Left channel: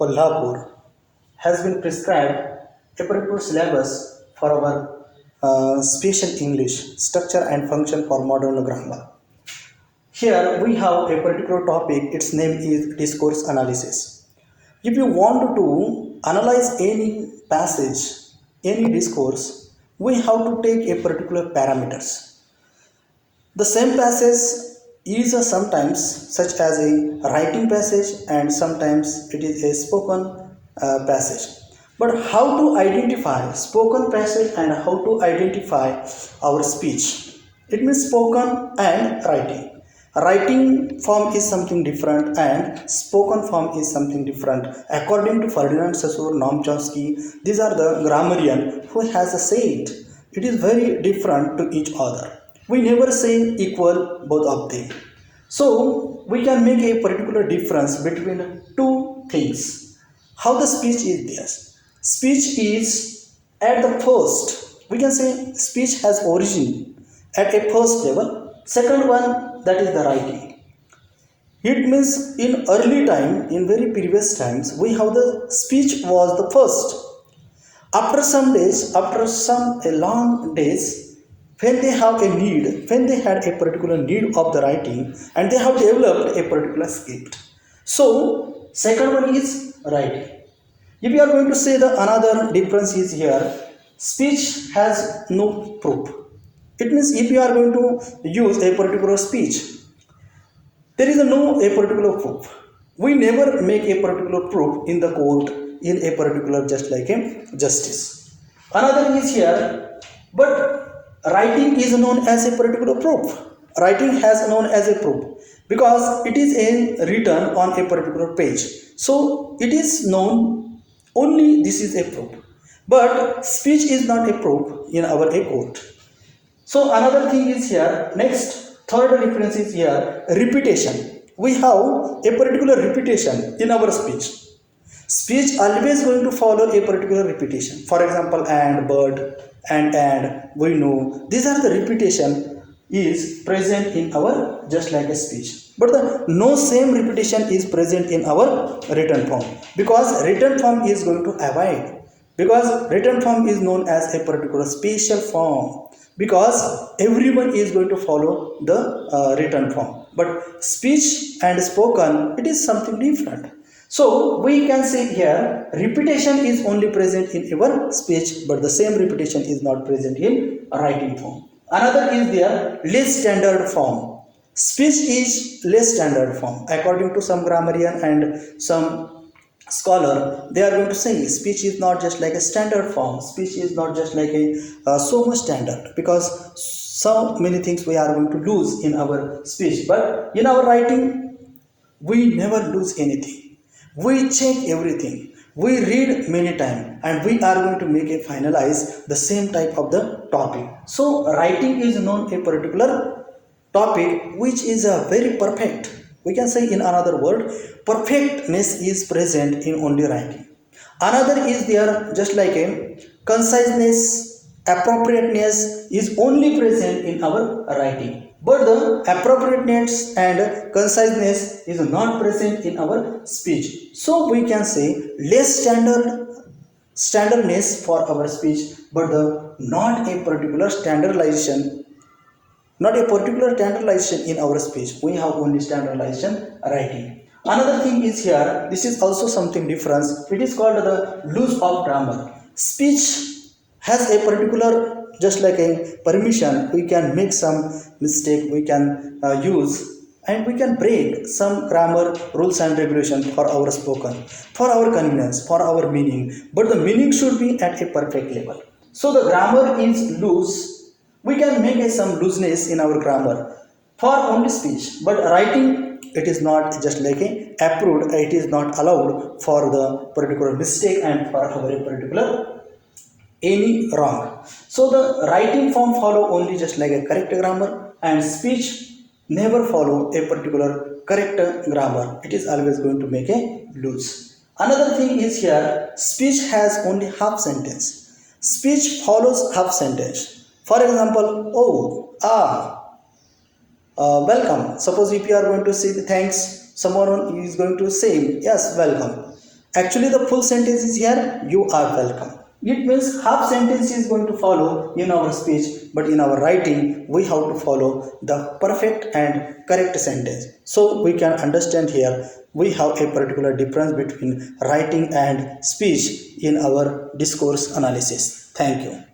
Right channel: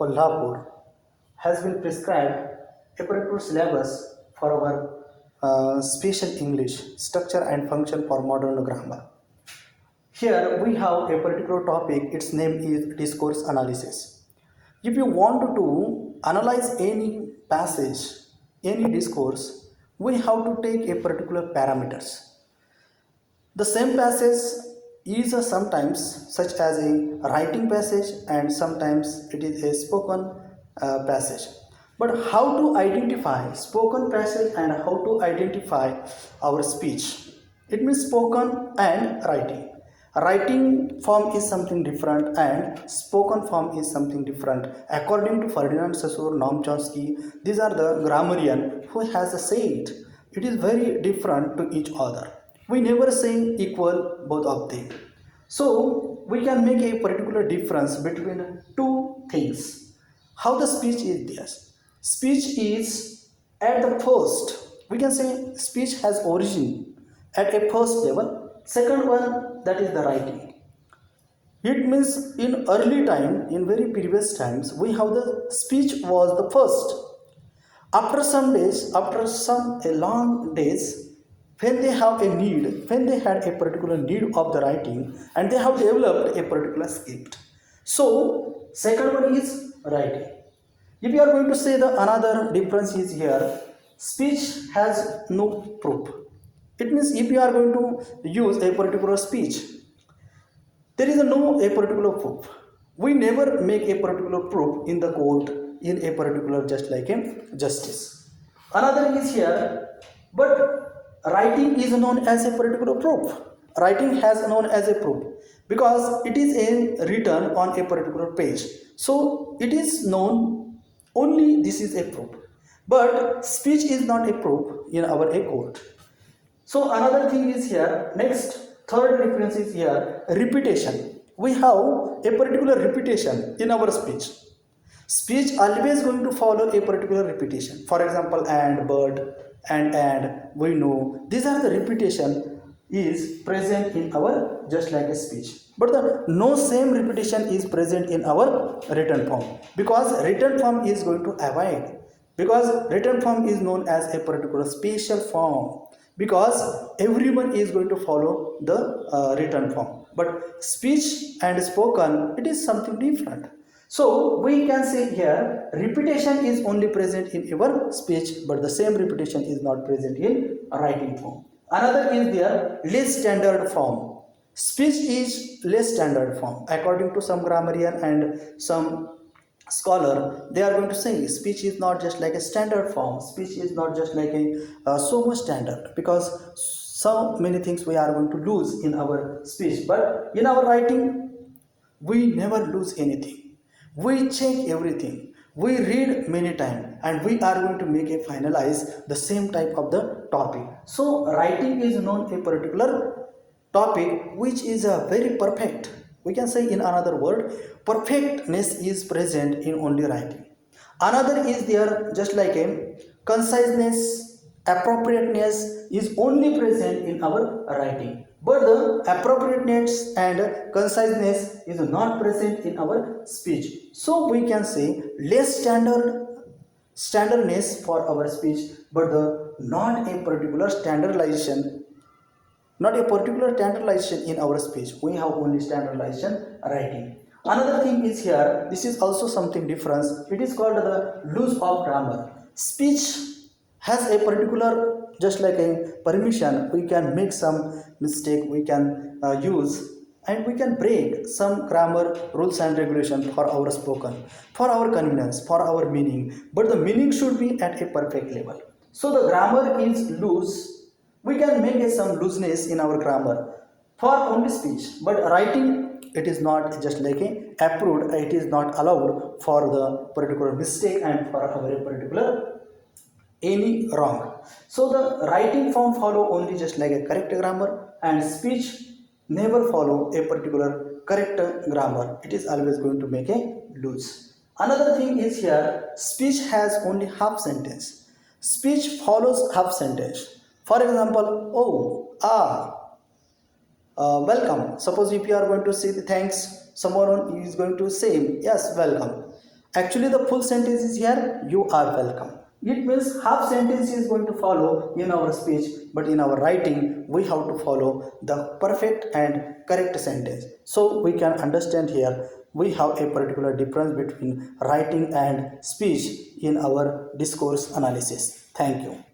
Kolhapur has been prescribed a particular syllabus for our special English structure and function for modern grammar. Here we have a particular topic, its name is discourse analysis. If you want to analyze any passage, any discourse, we have to take a particular parameters. The same passage is sometimes such as a writing passage and sometimes it is a spoken passage. But how to identify spoken passage and how to identify our speech? It means spoken and writing. Writing form is something different and spoken form is something different. According to Ferdinand Saussure, Noam Chomsky, these are the grammarian who has said it is very different to each other. We never say equal both of them. So we can make a particular difference between two things. How the speech is there? Speech is at the first. We can say speech has origin at a first level. Second one, that is the writing. It means in early time, in very previous times, we have the speech was the first. After some days, after some a long days, when they have a need, when they had a particular need of the writing, and they have developed a particular script. So, second one is writing. If you are going to say the another difference is here, speech has no proof. It means if you are going to use a particular speech, there is no a particular proof. We never make a particular proof in the court in a particular just like a justice. Another is here, but writing is known as a particular proof. Writing has known as a proof because it is written on a particular page. So it is known only this is a proof. But speech is not a proof in our a court. So another thing is here, next third difference is here, repetition. We have a particular repetition in our speech. Speech always going to follow a particular repetition. For example, and, but, and, we know. These are the repetition is present in our just like a speech. But the no same repetition is present in our written form because written form is going to avoid because written form is known as a particular special form because everyone is going to follow the written form, but speech and spoken it is something different. So we can say here repetition is only present in our speech, but the same repetition is not present in writing form. Another is there less standard form. Speech is less standard form according to some grammarian and some scholar. They are going to say speech is not just like a standard form. Speech is not just like a so much standard because so many things we are going to lose in our speech, but in our writing we never lose anything. We check everything. We read many times and we are going to make a finalize the same type of the topic. So writing is known a particular topic which is a very perfect. We can say in another word, perfectness is present in only writing. Another is there just like a conciseness, appropriateness is only present in our writing. But the appropriateness and conciseness is not present in our speech. So we can say less standardness for our speech, but the not a particular standardization, not a particular standardization in our speech. We have only standardization writing. Another thing is here, this is also something different. It is called the loose of grammar. Speech has a particular just like a permission. We can make some mistake, we can use and we can break some grammar rules and regulation for our spoken, for our convenience, for our meaning. But the meaning should be at a perfect level. So the grammar is loose. We can make some looseness in our grammar for only speech, but writing it is not just like a approved. It is not allowed for the particular mistake and for our particular any wrong. So the writing form follow only just like a correct grammar and speech never follow a particular correct grammar. It is always going to make a loose. Another thing is here speech has only half sentence. Speech follows half sentence. For example, oh, welcome. Suppose if you are going to say the thanks, someone is going to say yes, welcome. Actually, the full sentence is here, you are welcome. It means half sentence is going to follow in our speech, but in our writing, we have to follow the perfect and correct sentence. So we can understand here, we have a particular difference between writing and speech in our discourse analysis. Thank you.